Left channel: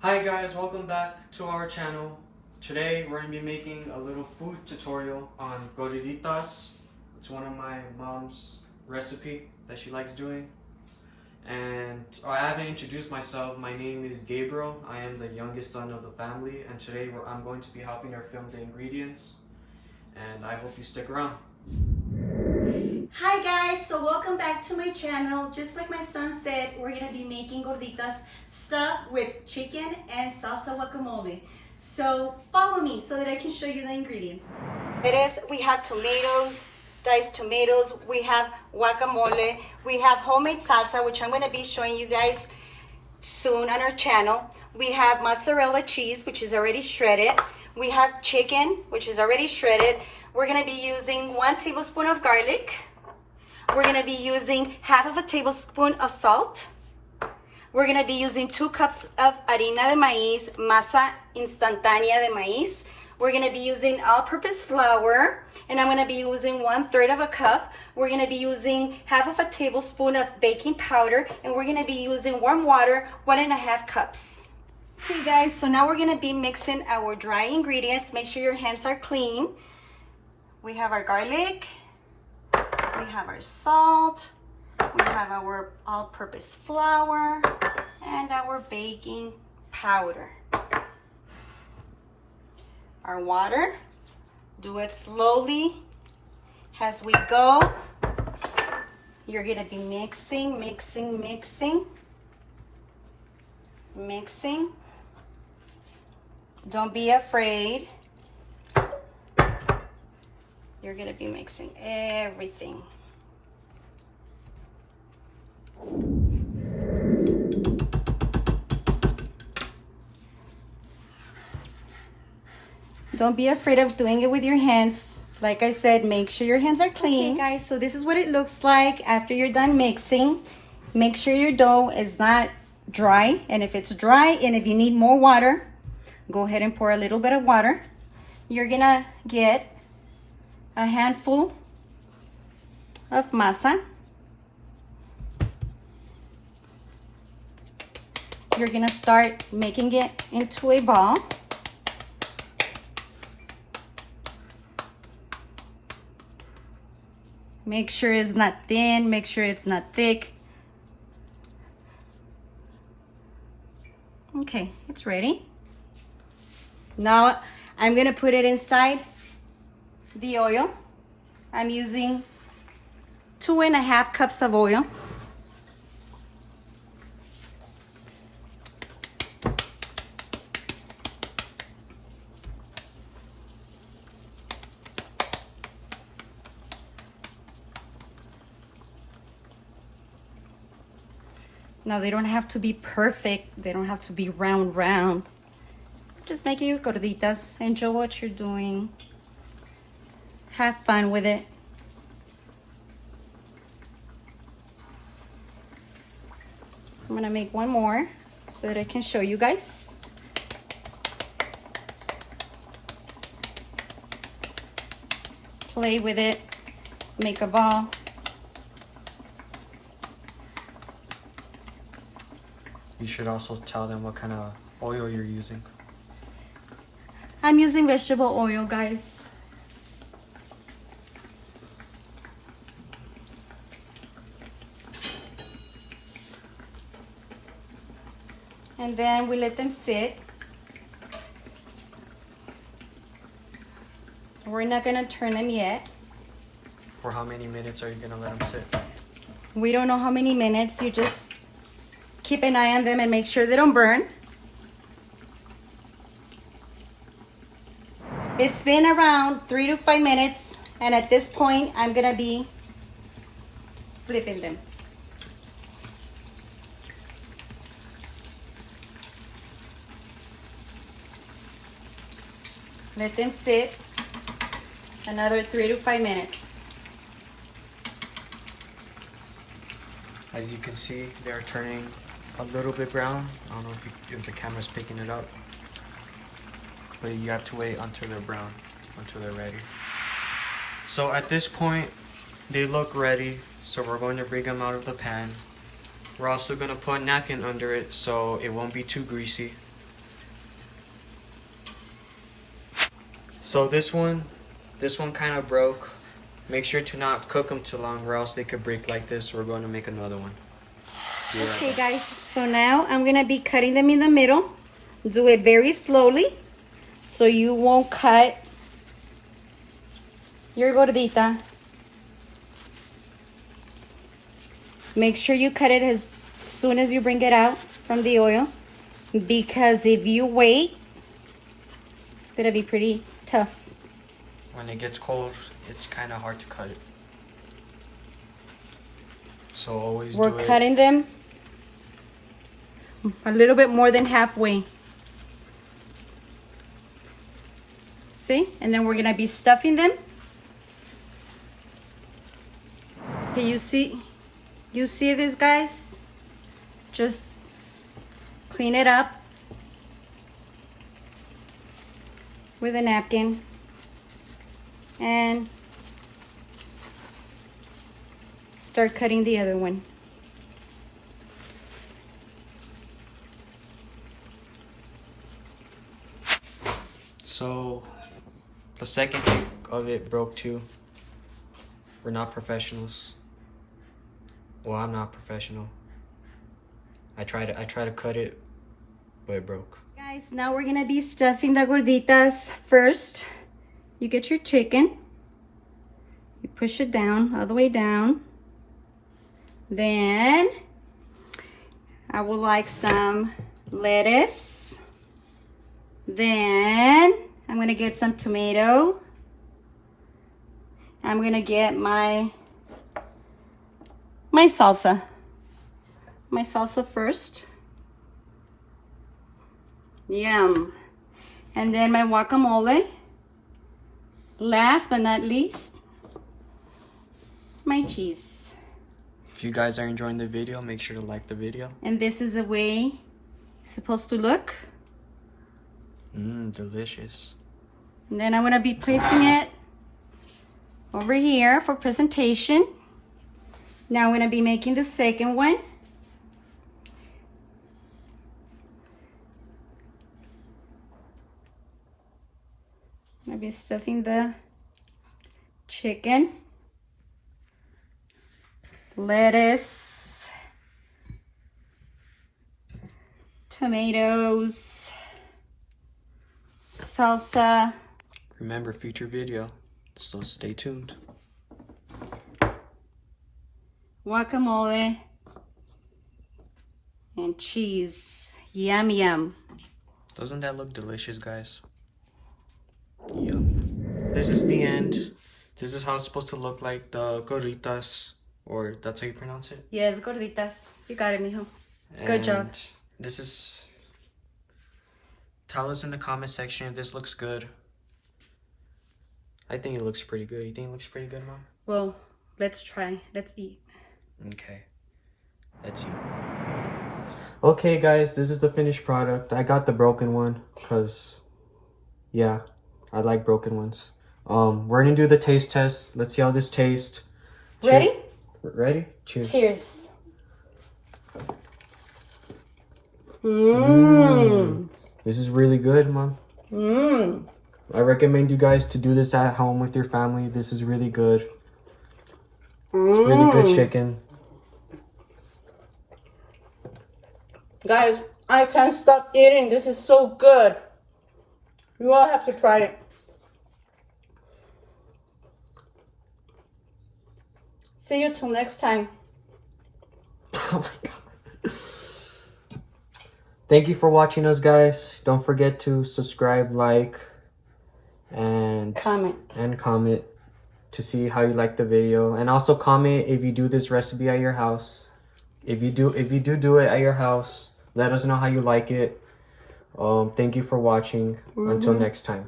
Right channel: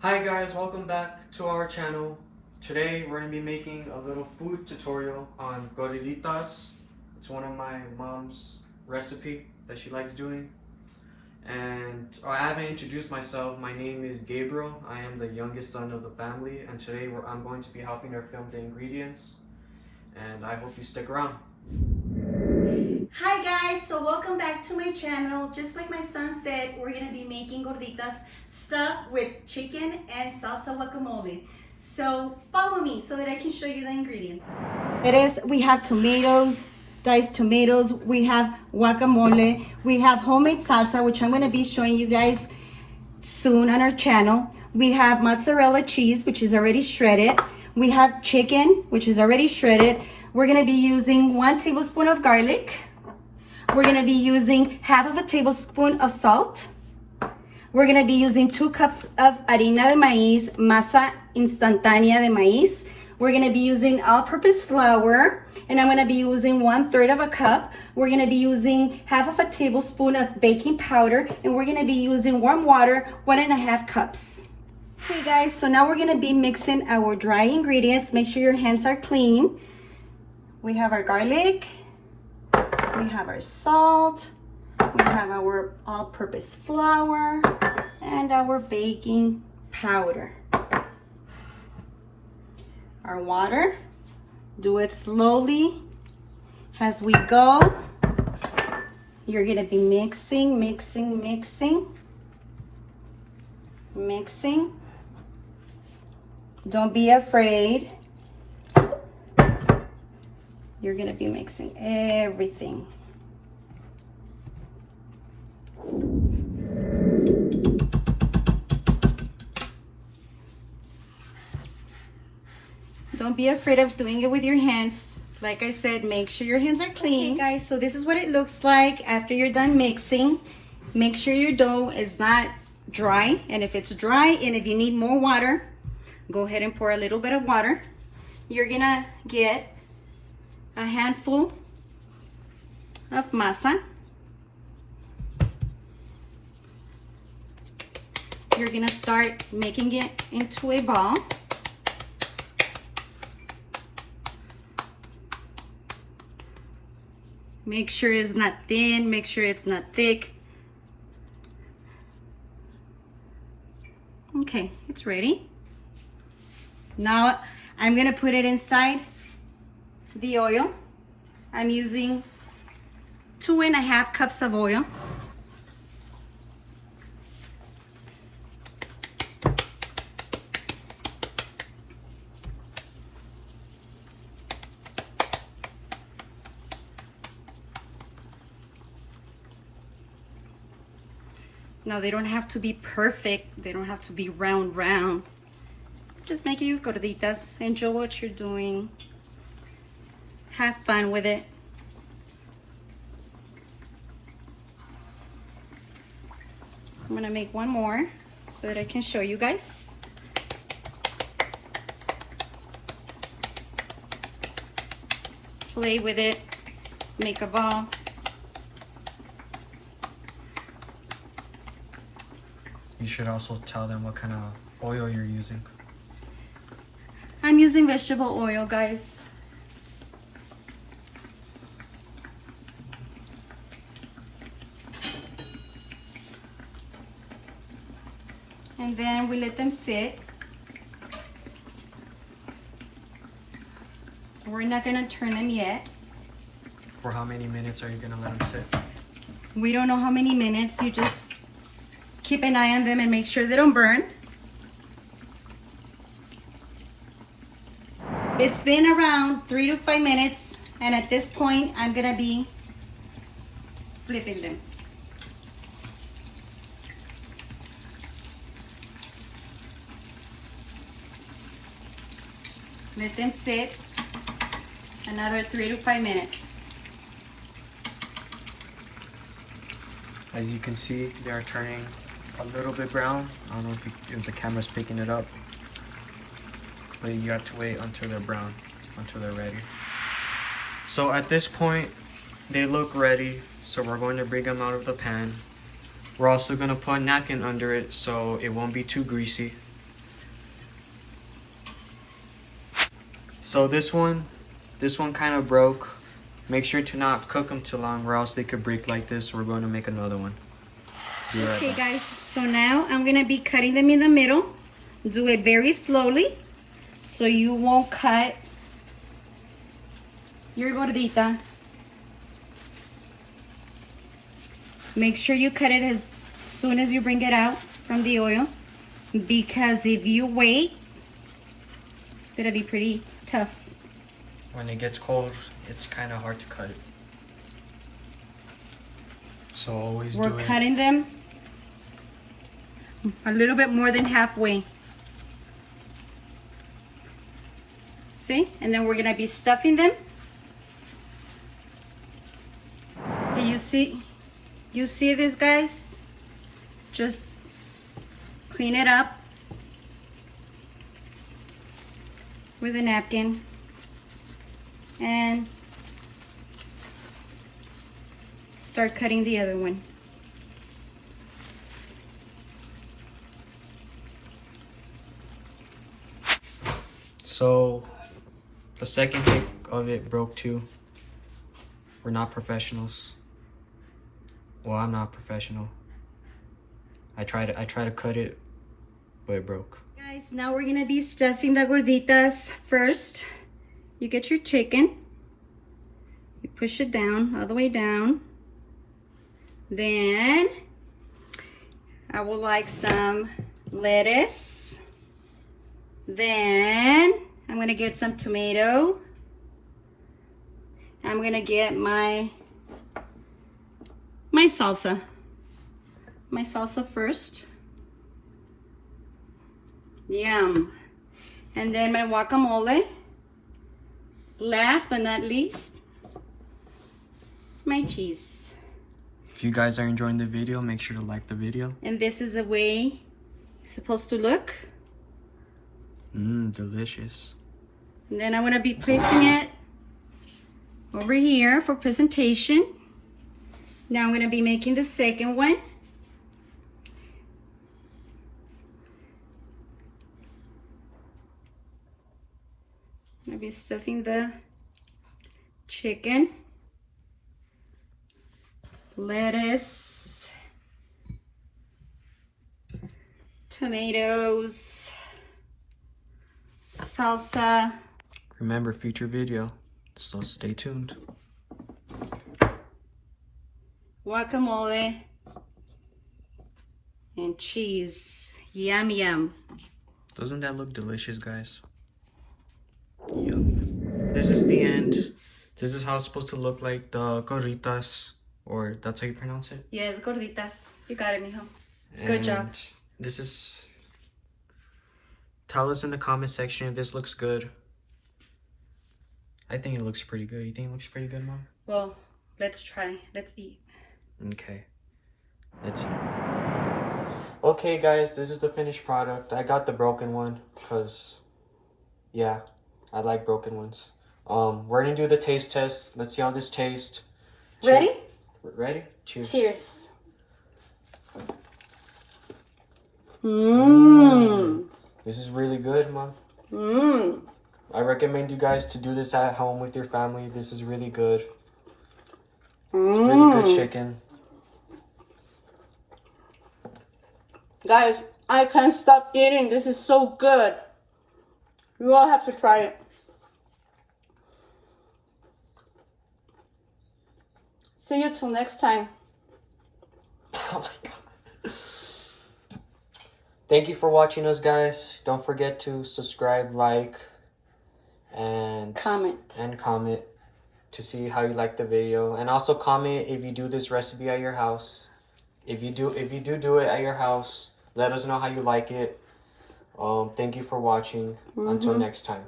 Hi guys, welcome back to our channel. Today we're going to be making a little food tutorial on Gorditas. It's one of my mom's recipe that she likes doing. And I haven't introduced myself. My name is Gabriel. I am the youngest son of the family, and today I'm going to be helping her film the ingredients. And I hope you stick around. Hi guys, so welcome back to my channel. Just like my son said, we're gonna be making gorditas stuffed with chicken and salsa guacamole. So follow me so that I can show you the ingredients. We have tomatoes, diced tomatoes, we have guacamole, we have homemade salsa, which I'm gonna be showing you guys soon on our channel. We have mozzarella cheese, which is already shredded. We have chicken, which is already shredded. We're gonna be using 1 tablespoon of garlic. We're gonna be using half of a tablespoon of salt. We're gonna be using 2 cups of harina de maíz, masa instantánea de maíz. We're gonna be using all-purpose flour, and I'm gonna be using 1/3 of a cup. We're gonna be using half of a tablespoon of baking powder, and we're gonna be using warm water, 1.5 cups. Okay guys, so now we're gonna be mixing our dry ingredients. Make sure your hands are clean. We have our garlic, we have our salt, we have our all-purpose flour, and our baking powder. Our water, do it slowly as we go. You're gonna be mixing. Don't be afraid. You're gonna be mixing everything. Don't be afraid of doing it with your hands. Like I said, make sure your hands are clean. Okay guys, so this is what it looks like after you're done mixing. Make sure your dough is not dry, and if it's dry and if you need more water, go ahead and pour a little bit of water. You're gonna get a handful of masa. You're gonna start making it into a ball. Make sure it's not thin, make sure it's not thick. Okay, it's ready. Now I'm gonna put it inside the oil. I'm using 2.5 cups of oil. Now they don't have to be perfect. They don't have to be round. Just make your gorditas. Enjoy what you're doing. Have fun with it. I'm gonna make one more so that I can show you guys. Play with it, make a ball. You should also tell them what kind of oil you're using. I'm using vegetable oil, guys. And then we let them sit. We're not gonna turn them yet. For how many minutes are you gonna let them sit? We don't know how many minutes. You just keep an eye on them and make sure they don't burn. It's been around 3 to 5 minutes, and at this point I'm gonna be flipping them. Let them sit another 3 to 5 minutes. As you can see, they are turning a little bit brown. I don't know if the camera's picking it up, but you have to wait until they're brown, until they're ready. So at this point, they look ready, so we're going to bring them out of the pan. We're also going to put a napkin under it so it won't be too greasy. So this one kind of broke. Make sure to not cook them too long or else they could break like this. We're going to make another one. Okay guys, so now I'm gonna be cutting them in the middle. Do it very slowly so you won't cut your gordita. Make sure you cut it as soon as you bring it out from the oil, because if you wait, it's gonna be pretty tough. When it gets cold, it's kind of hard to cut it. So always do it. We're cutting them a little bit more than halfway. See? And then we're gonna be stuffing them. Okay, you see this, guys? Just clean it up with a napkin and start cutting the other one. So the second pick of it broke too. We're not professionals. Well, I'm not professional. I try to cut it, but it broke. Guys, now we're gonna be stuffing the gorditas. First, you get your chicken. You push it down, all the way down. Then, I would like some lettuce. Then, I'm gonna get some tomato. I'm gonna get my salsa. My salsa first. Yum. And then my guacamole. Last but not least, my cheese. If you guys are enjoying the video, make sure to like the video. And this is the way it's supposed to look. Delicious. And then I'm gonna be placing it over here for presentation. Now I'm gonna be making the second one. I'm gonna be stuffing the chicken, lettuce, tomatoes, salsa. Remember, future video, so stay tuned. Guacamole and cheese. Yum, yum. Doesn't that look delicious, guys? Yum. This is the end. This is how it's supposed to look like, the gorditas, or that's how you pronounce it? Yes, gorditas. You got it, mijo. Good job. This is... Tell us in the comment section if this looks good. I think it looks pretty good. You think it looks pretty good, Mom? Well, let's try. Let's eat. Okay. Let's eat. Okay, guys, this is the finished product. I got the broken one because, yeah, I like broken ones. We're gonna do the taste test. Let's see how this tastes. Ready? Ready? Cheers. Cheers. Mmm. This is really good, Mom. Mmm. I recommend you guys to do this at home with your family. This is really good. It's really good chicken. Guys, I can't stop eating. This is so good. You all have to try it. See you till next time. Oh my god. Thank you for watching us, guys. Don't forget to subscribe, like, and comment to see how you like the video. And also comment if you do this recipe at your house. If you do it at your house, let us know how you like it. Thank you for watching. Until next time.